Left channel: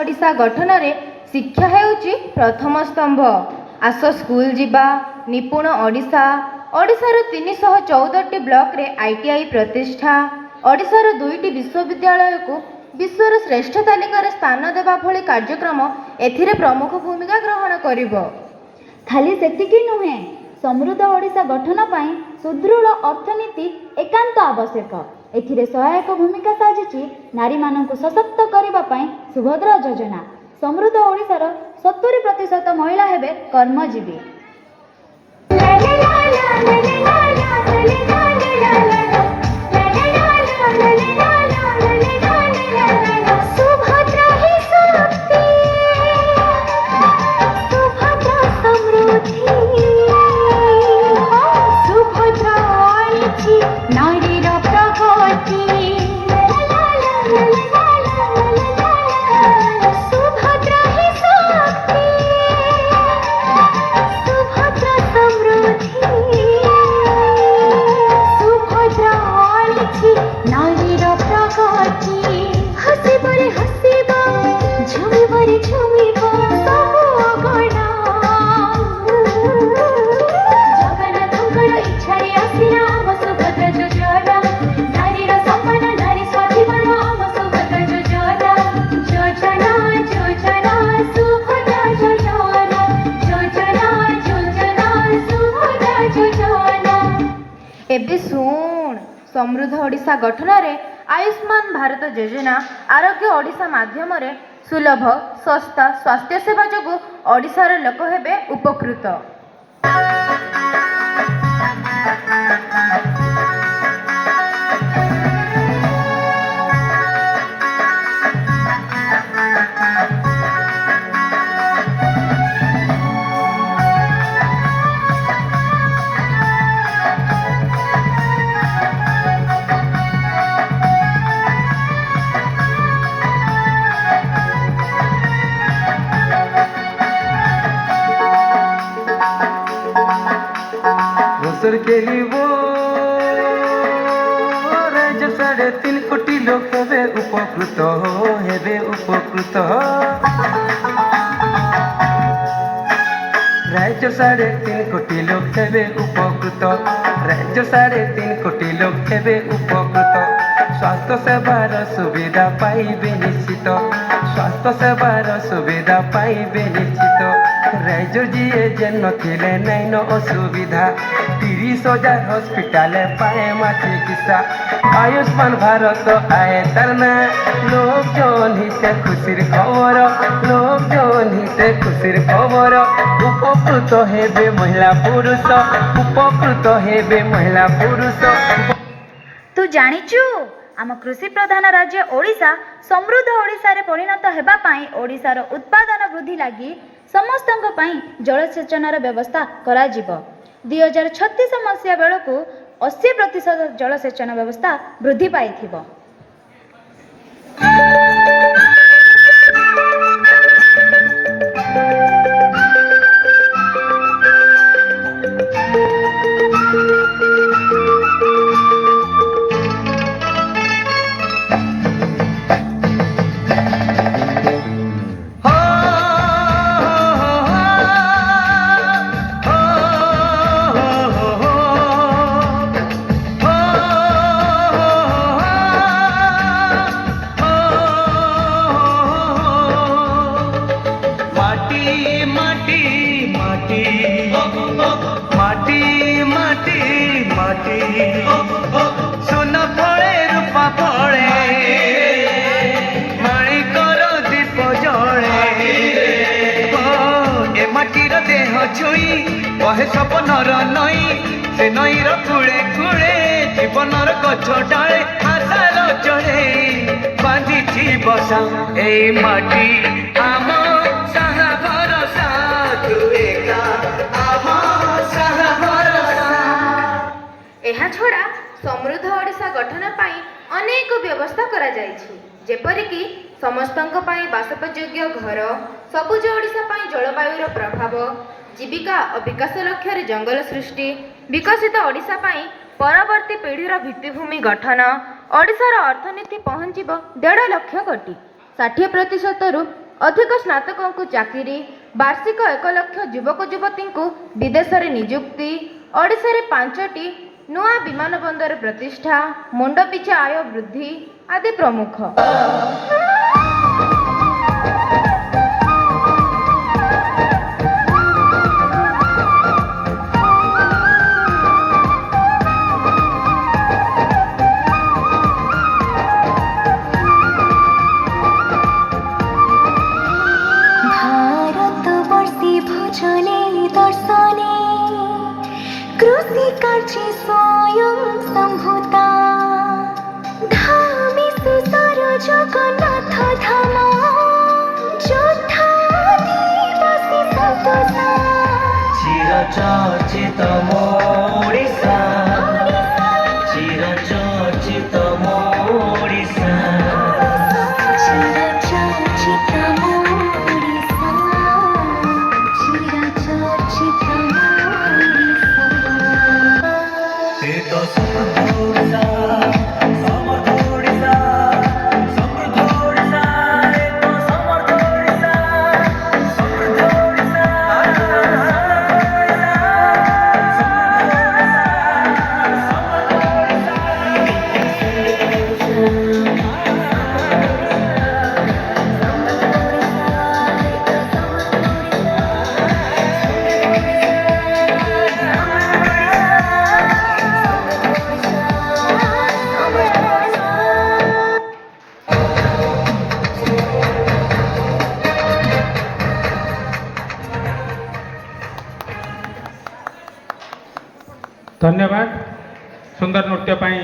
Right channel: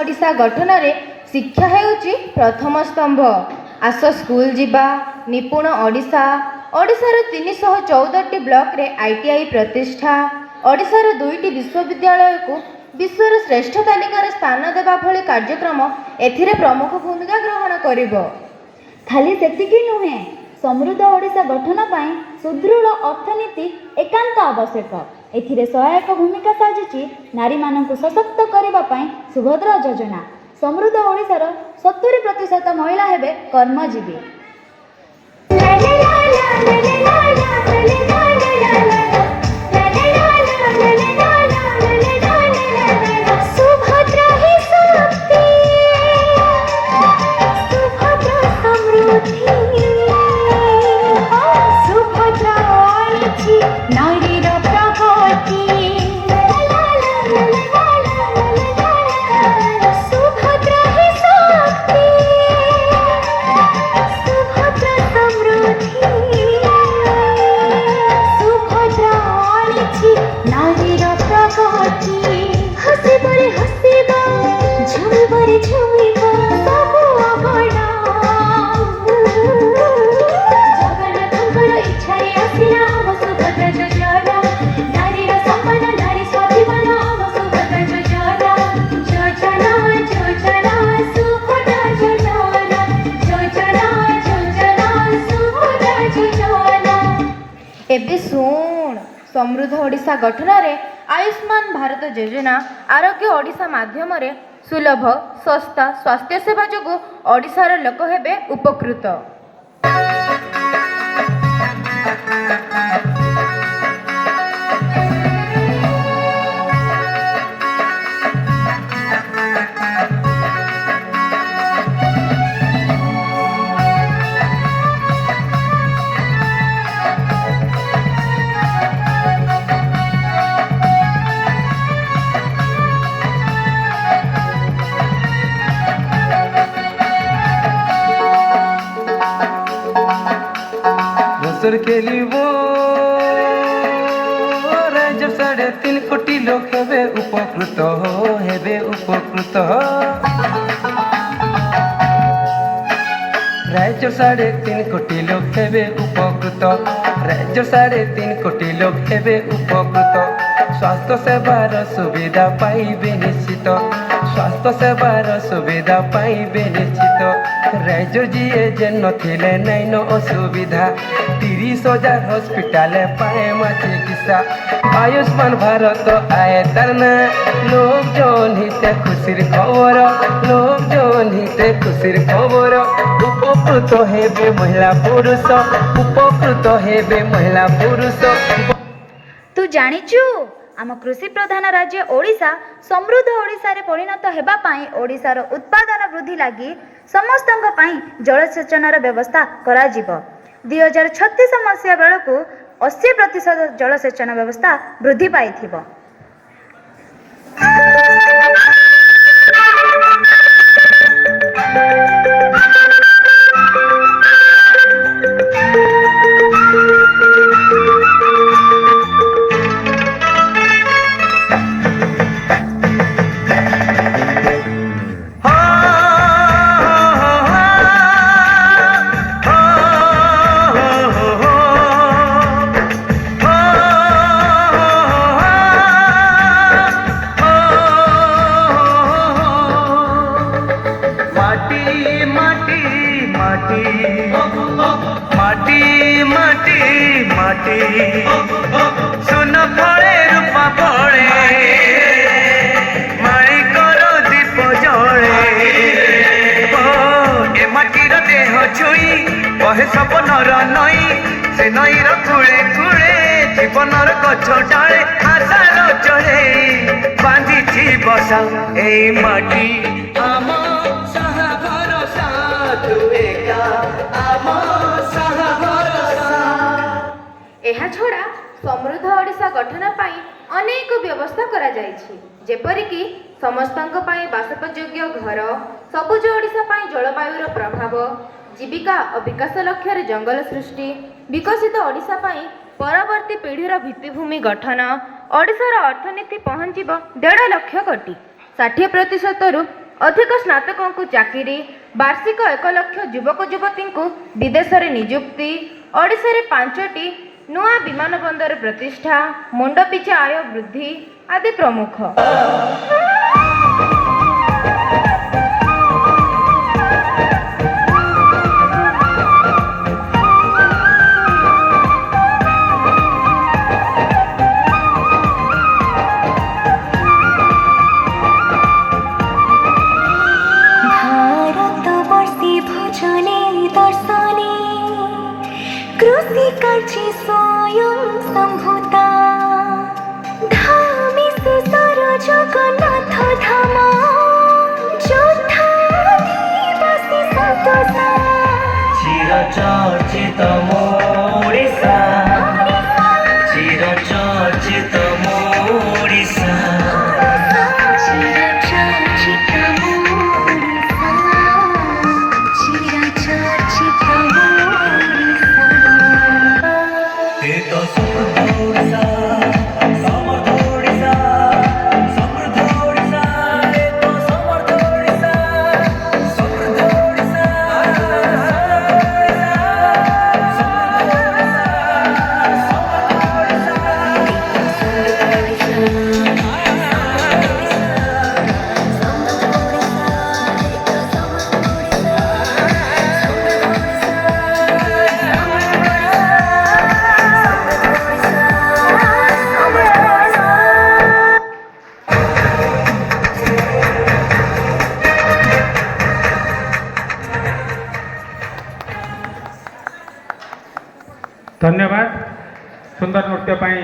ओडिशा गठन रे शिक्षा हेउची प्रथम स्तंभ। आस स्कूल जिबा निपुण ओडिशा। ओडिशार 314टी ब्लॉक रे आईटीआई प्रतिष्ठा। ओडिशार 2टी विश्वविद्यालय को विश्वर श्रेष्ठ तालिकार स्थान देवा भली कार्यक्रम एथिरे प्रमुख भूमिका ग्रहण करिबो। खाली सेतिकी नुहे, समृद्ध ओडिशा गठन पाई सुदृढ़ अर्थनीति एकांत आवश्यक। एथिरे सहायक भूमिका साजुची नारी मानक सशक्त करबा पाई सुभद्रा योजना। समृद्ध ओडिशार 70% महिला हेबे कर्मजीवी। एबे सुन, समृद्ध ओडिशा गठन रे आयुष्मान भारत योजना आरोग्य ओडिशा माध्यम रे सुलभ सस्ता स्वास्थ्य सेवा जोगु ओडिशार लोक हेबे उपकृत। केली वो राज्य 3.5 कोटी लोक हेबे उपकृत हेबे उपकृत। राज्य 3.5 कोटी लोक हेबे उपकृत। राज्य 3.5 कोटी लोक हेबे उपकृत। स्वास्थ्य सेवार सुविधा पाइबे निश्चित। स्वास्थ्य सेवार सुविधा पाइबे निश्चित। राज्य जीए जेन नथिले नाइन असुविधा। 30,000 हॉस्पिटल पाए मा चिकित्सा। आयुष्मान भारत आए तरना लोक जन हिते खुशीर खबर। लोक जन हिते खुशीर खबर। उपकृत हेबे महिला पुरुष। उपकृत हेबे महिला पुरुष। तू जानिचु आम कृषि प्रधान राज्य ओडिशा समृद्ध ओडिशा रे परिणत हेबा पाई ओडिशार उत्पादन वृद्धि लागि समस्तंक पाई जलसेचनर व्यवस्था करा जिवो। 2036 मसिया बेलकु 80% जलसेचन व्यवस्था वृद्धि पाइथिबो। सुन फले रूपा फले माणिकर दीप जले। ए माटीर देह छुई बहे सपनर नई। से नईर कूले कूले जीवनर गछ डाले आशार चढ़े बांधिछि बसा। ए माटी आम साहा भरसा तू एका आम साहा भरसा। एहा छोड़ा समृद्ध ओडिशा गठन पाई अनेक व्यवस्था करा जायछि। जेपरिकी समस्तंक पाई बासोपयोग्य घर, सबुज ओडिशा पाई जलवायुर प्रभाव, जीविका और विकास लक्ष्य रे जंगल सृष्टि, विकसित ओडिशा पाई परवर्ती पीढ़ीर भित्तिभूमि गठन, ओडिशार अर्थनीति पहुँचब 1.5 लाख कोटी। 60% ଅଧିକ ସ୍ନାତକଙ୍କୁ ଚାକିରି, ବାର୍ଷିକ 1 ଲକ୍ଷ ଯୁବକ ଯୁବତୀଙ୍କୁ ବିଦେଶରେ ନିଯୁକ୍ତି, ଓଡ଼ିଶାରେ 5ଟି ନୂଆ ବିମାନ ବନ୍ଦର ପ୍ରତିଷ୍ଠା, ମୁଣ୍ଡ ପିଛା ଆୟ ବୃଦ୍ଧି ଆଦି ପ୍ରମୁଖ। भारतवर्षे भोजने दर्शने कृषिकार्ये स्वयं सम्भूता धामे शेषर जगन्नाथ धाम जोद्धादिवासी सन्तोषा चिरचर्चित मोडिसा चिरचर्चित मोडिसा चिरचर्चित मोडिसा चिरचर्चित मोडिसा ए तो समृद्ध ओडिसा समर्थ ओडिसा समृद्ध ओडिसा ए तो समर्थ ओडिसा समृद्ध ओडिसा धन्यवाद सुंदर नृत्य पाई